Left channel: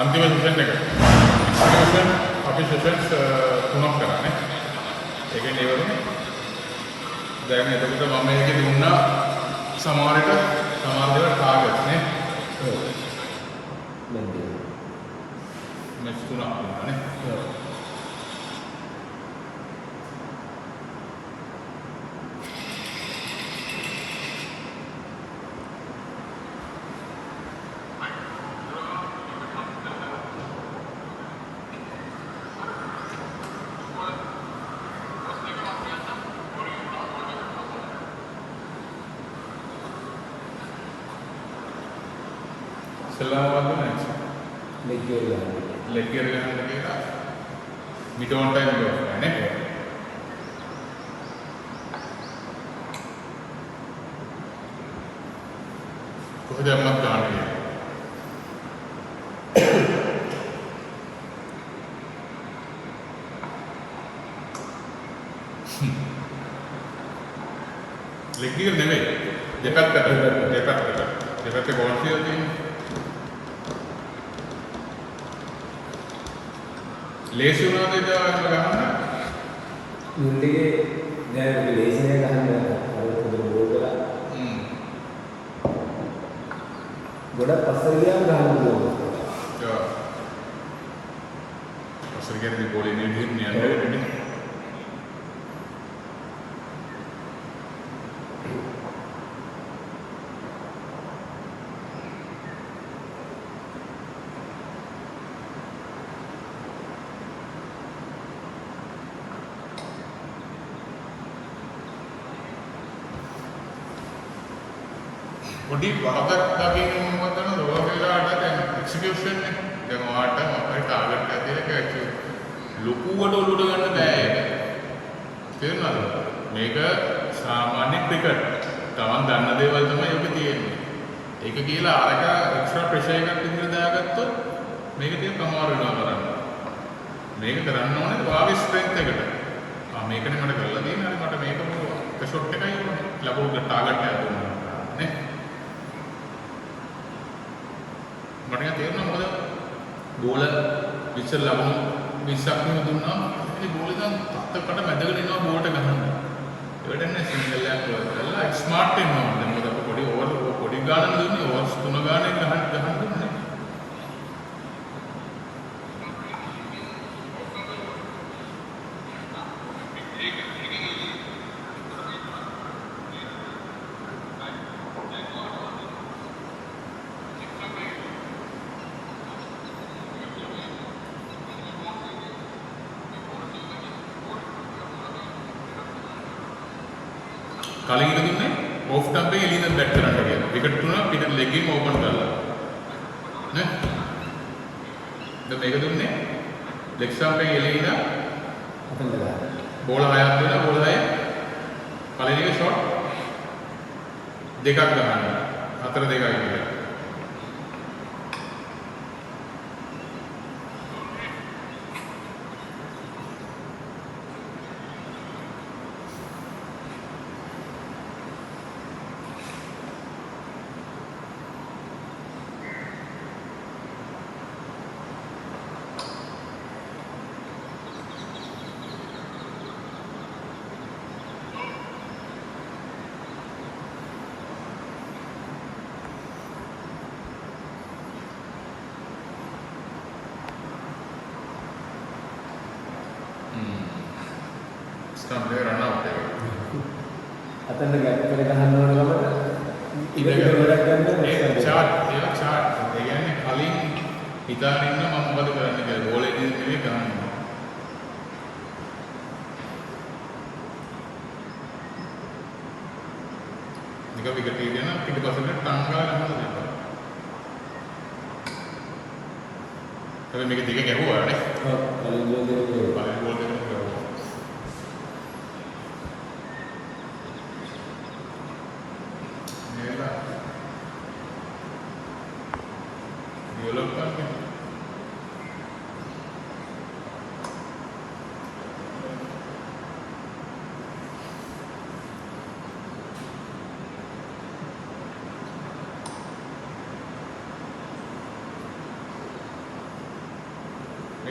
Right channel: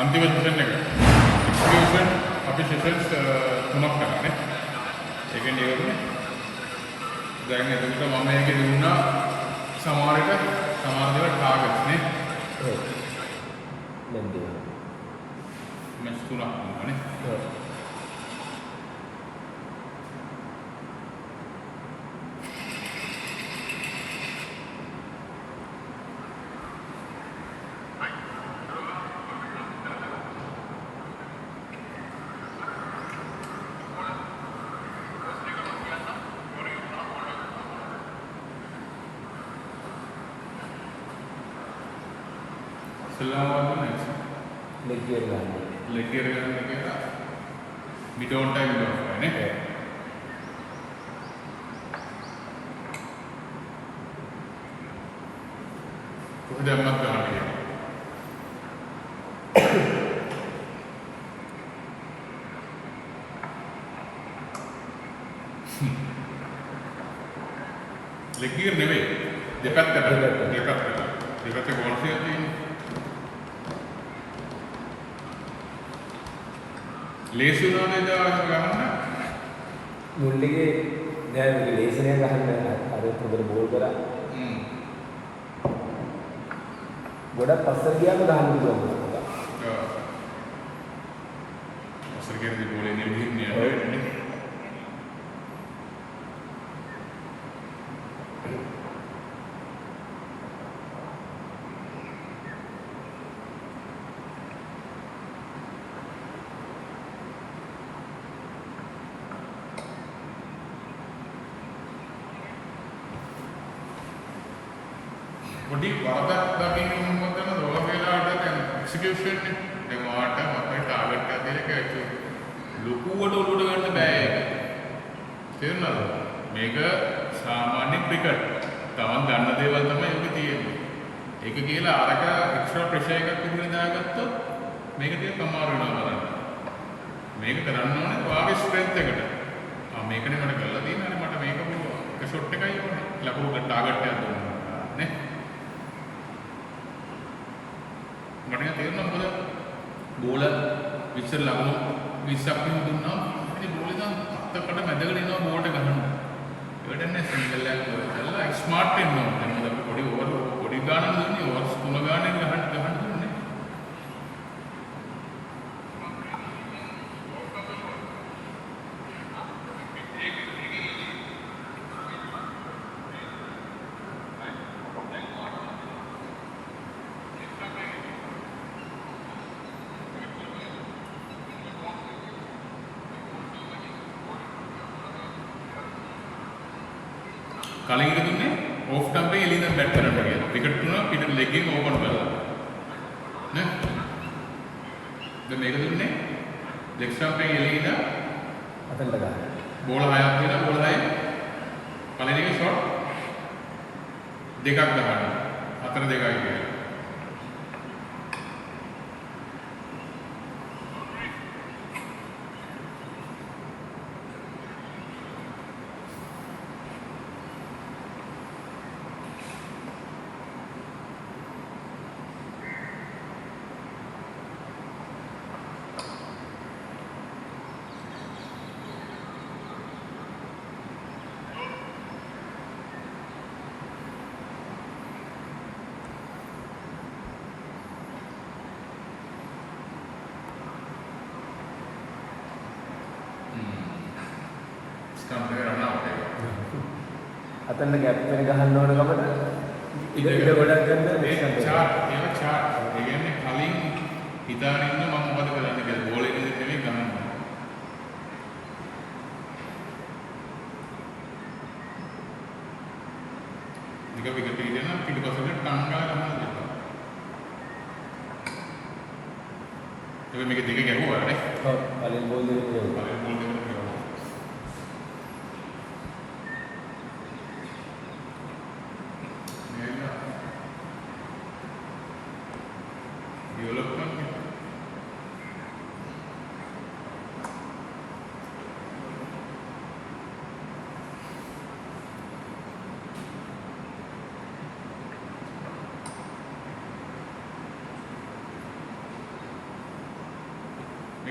අන්තිම සෙෂන් එක. අපි සෙෂන්ස් 3ක් කරන්නේ. ඒකෙන් ඉවරුනේ. දැන් එතකොට මම මේකේ දුන්නා සමහර දේවල් ටාගට්ස් නේ. ඔව්. දැන් දෙන්න. මෙස් 3ක් දුන්නා නේ. ඔව්. leg gear ගන්න. leg gear ගන්න කියලා mid on time කරනවා නේ. කොහොමද අම්මත් ගන්න. leg gear නෙවෙයි. දෙපැත්තට බෝල් කියලා තියෙන්නේ. ලේසි වුණාද ඒක ගන්න? මුල්ලිගේ දැන් මේක ලේසි නෑ ගහන්න අර හොඳට බෝල් කරා. ගොඩක් පස්සට ගියාම ගහන්න පුළුවන්. ඔව්. පස්සට ගියදී බෝල් ඉන්නේ විහින්නේ. පොඩි වරදක් දකින්න මොකද වෙනවද? ඔය වෙලාවට දැන් එක්සිකියුෂන් එක දැන් ඔයාට අපේ ටාගට් එක ලොකුවට උඩට ගන්න බෑ ඒක. තේරුණාද? මේක සාමාන්‍ය ක්‍රිකට්. තමන් ගන්න දේවල් තමයි ඒක තියෙන්නේ. ඒක කියලා අරක එක්ස්ට්‍රා ප්‍රෙෂර් එකක් විතර දාගත්තොත් මේක ටිකක් අමාරු වෙනවා බලන්න. මේක කරන්න ඕනේ ඔයාගේ ස්ට්‍රෙන්ත් එකට. මේකනේ මට කරලා තියෙන්නේ. මට මේක එක ෂොට් එකයි ලකුණු ටාගට් එකක් දුන්නා. නේ? මට තේරෙනවා මොකද බෝල විශ්ව ලබන 20ක් නෙම දුන්නා ඒ බෝල දැන් අත්තකට මැදගෙන ඉනවා බෝලට ගහන්න. ඒවටනේ සිංගල් එකක් කරලා ස්මාර්ට් වෙනවා. දැන් මොකද අපි පොඩි ඕවර් පොඩි ගානක් දුන්නේ ඕවර්ස් 3 ගානක් ගහන්න දුන්නේ. කලින් ඉඳ දුන්නේ ඕෆ් ටම්ප් එකේ එළියෙන් බැට් කරන්න කියලා. විකට් තුනක් පිට ලෙග් එකම ඕපන් කරලා. නේ? දැන් මේක දුන්නේ ලෙග් ස්ටම්ප් එකේ එළියෙන් අතෙන්ද ගන්න. බෝල 6ක් දුන්නා. බෝල 6 කලින් එකේ ෂොට් දෙකක් ගහන්න. 4 දෙකයි කියලා. අතෙන්ද ගැප් එක ගහන්න ඕන කමට ඉත ගොඩක් ගන්න ඒක චාට් ඒ කියන්නේ කලින් හිතාගෙන ඉන්න මම මොකද කරන්නේ කියලා බෝල් එකේ නෙවෙයි ගන්න. නිකන් විකට් එක ගන්න පිටපස්සට ටංගා ගන්නවා. අපි මේක දිගට ගෙහුවා නේ. ඔව් කලින් බෝල් දෙක ගෙහුවා.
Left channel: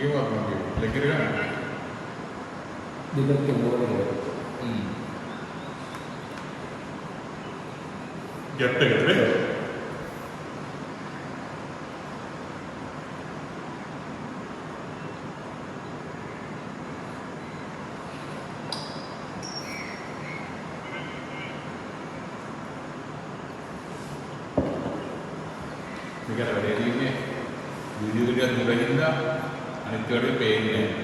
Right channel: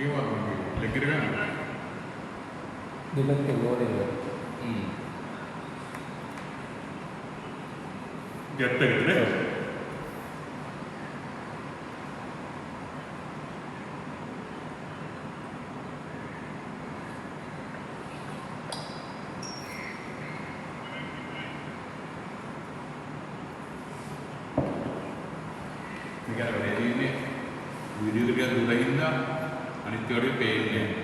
ඒක වගේ ලෙග් එක ගන්න. දෙපැත්තේ බෝල් එක. ගැට් එකට නේද? මේකට වැඩි ඉන්නේ වීඩියෝ එක දුරකින්ද අනිත් කඩේ පේන්නේ නැහැ.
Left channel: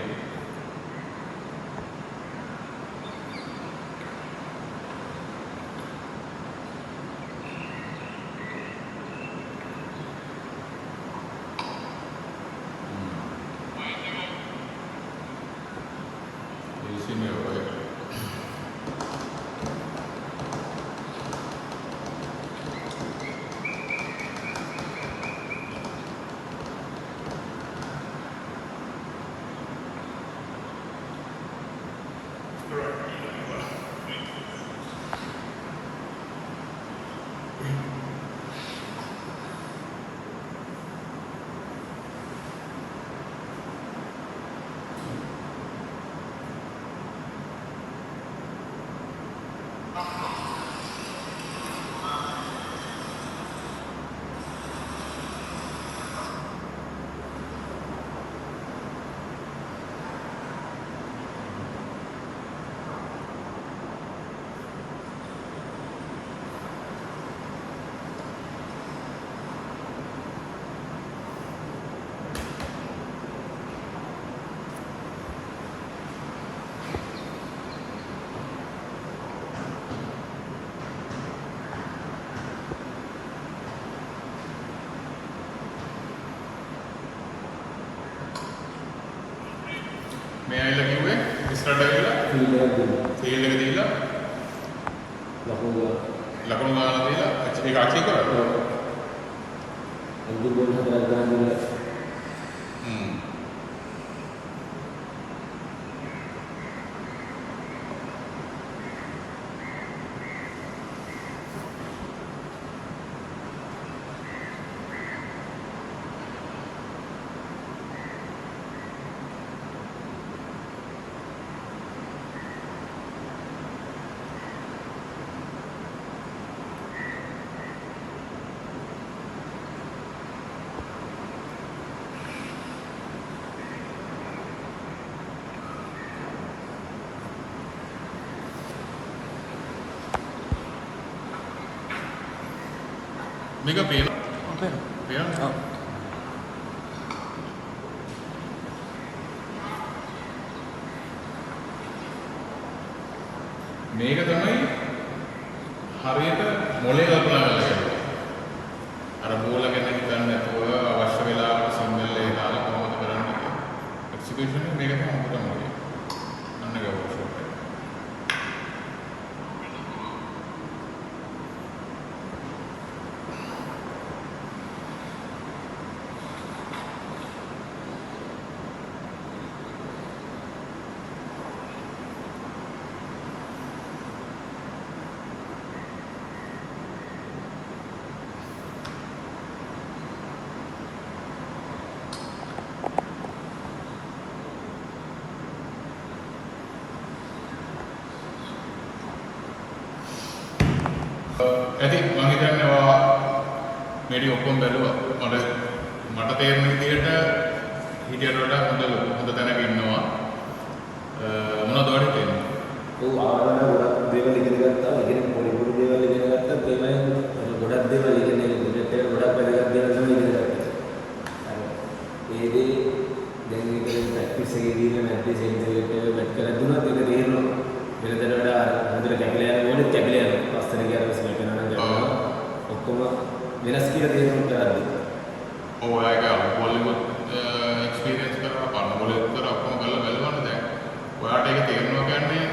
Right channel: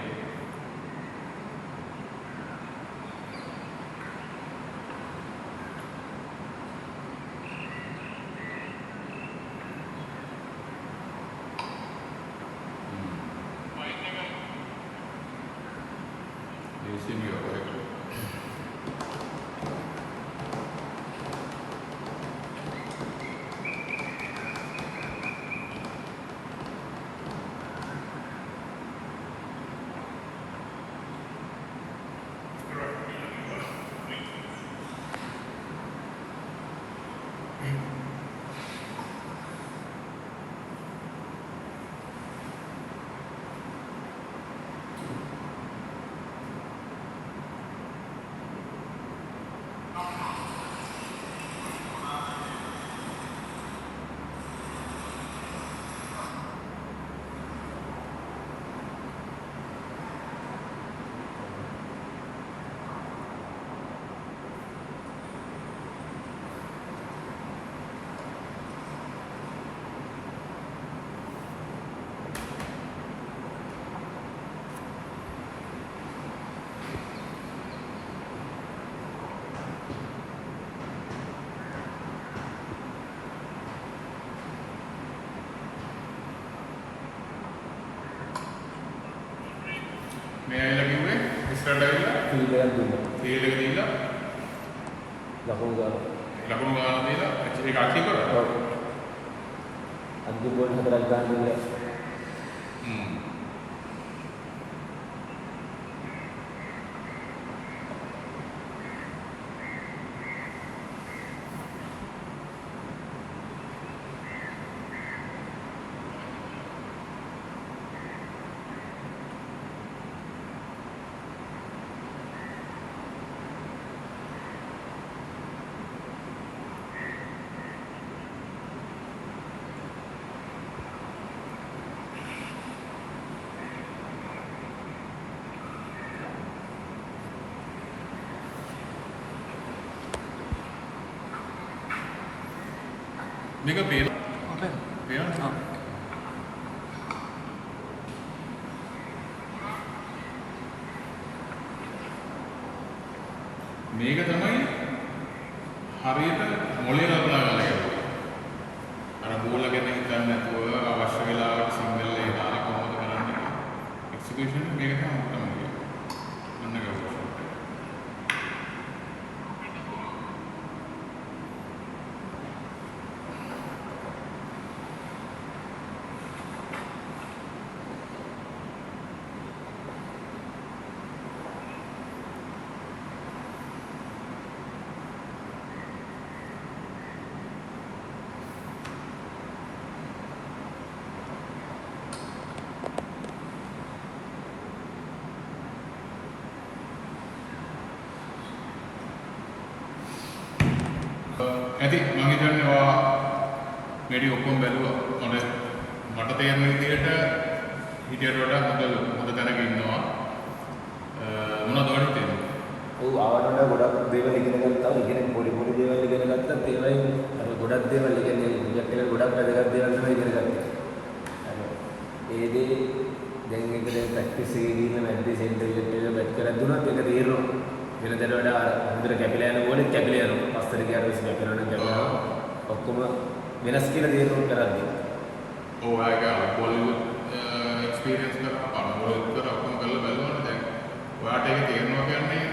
මේ ඇවිල්ලා කිව්වේ ඉස්සරහට ඇවිල්ලා ෆීල්ඩ් එකක් දුන්නා. ෆීල්ඩ් එක දීලා ලකුණු ගාන දීලා ඒක අචීව් කරා. අන්තිම බෝල් 4ක් ගන්න දීලා මේක පේන අපේ පේනවා. මේක තමයි හරියට මොලේ ලකුණා ගන්න එක. අර බෝල ගැන හිතන්නේ නැතුව අවශ්‍ය වෙලාවට සිග්නල් එක දාලා කොහොමද කරන්නේ? එක්සිකියුෂන් එක මේක තමයි මොකටද කරන්නේ? අන්න ඒක අවශ්‍යයි. ඇති මම හිතන්නේ ඔයා මේටි ඔක්කොම බැලුවා මට තේරෙන විදිහට හිටියට වඩා හොඳ තැනක ඉන්නවා මොනවද වඩ තේරෙන්නේ? ඔව් ආවරණ ගොඩක් දේවල් ඉගෙන ගත්තා. ඉගෙන පොඩි දේවල් ඉගෙන ගත්තා. ඒවයින් අර ගොඩක් දේවල් ඉගෙන ප්‍රොජෙක්ට් එක ගොඩක් වැදගත් දේවල් තමයි ඉගෙන ගත්තා. ඒ දේ දැන් ඒකෙන් ප්‍රැක්ටිස් එකේදී මැට්රික්ස් ඉන්ටර්වියුත් එක බැක් කරලා දුන්නා. ඒක තේරෙනවා. වෙනදට වඩා හොඳට කැපිලා යන ඕනෙත් කැපිලා යනවා. පස්තර ගියාම කැපෙනවා නම් කැපෙනවා. ඔක්කොම වෙනස් කියලා තේරුම් කරගන්න. ඔව් ඒක බෝලිවුඩ් එක්ස්පීරියන්ස් කරලා බලන බෝලිවුඩ් කරලා ඔක්කොම කරලා බලනවානේ දැන්. ඔයාට ඒක තේරෙනවා කියන්නේ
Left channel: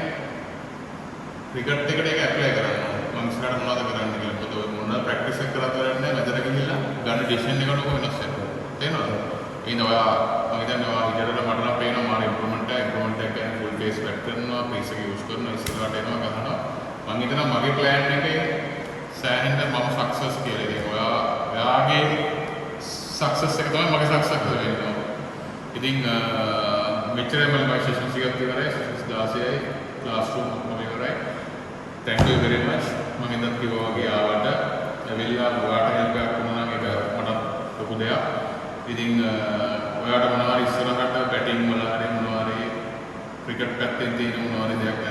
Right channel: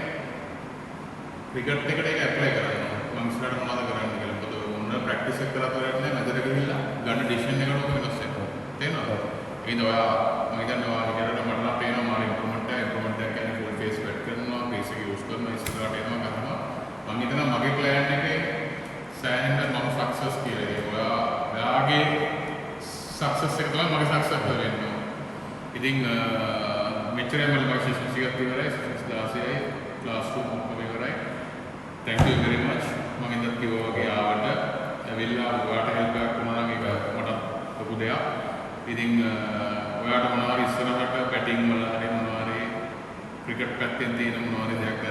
ක්‍රිකට් එකට ඒක ඇප්ලයි කරන්න. මම ඉස්සරහට මොනවද කරන්නේ කියලා. මොකද මොන ප්‍රැක්ටිස් එක කරලා කරන්නේ මැදට ගිහිල්ලා ගන්න ඩිසිෂන් එකට ඔක වෙනස් වෙනවා. තේරෙනවද? ඒ නිසා මම හිතන්නේ ඔයා විතරට මට නම් පේනවා මාර ඉම්ප්‍රූව්මන්ට් එක කියන්නේ ෆුල් ෆේස් වැට් කරනවා, ෆේස් එක යූස් කරනවා, ඉස්සරහට එනවා ගහනවා. මම හිතනවා මගේ ප්ලෑන් එකේ සෑහෙන්න මම සක්සස් කියලා කියනවා. ඔයාගේ සක්සස් එක තමයි මගේ සක්සස් වෙන්නේ. ඉතින් මෙච්චරයි මම සෙෂන්ස් එකක් ඉවරයි. සෙෂන්ස් 16යි ක්ලාස් රූම් ඔක්කොම ඉවරයි. thank you very much. මම ඉඳන් කිව්වා වගේ ආවට ඇවිල්ලා ඔයාලට හෙල්ප් එකක් වුණා නම් ඒක මට ලොකු දෙයක්. ඉතින් ඔයාලට මොනවා හරි ඉස්සරහට බැටිං වල හරි මොනවා හරි ක්‍රිකට් පැත්තෙන් තියෙන මොනවා හරි දෙයක්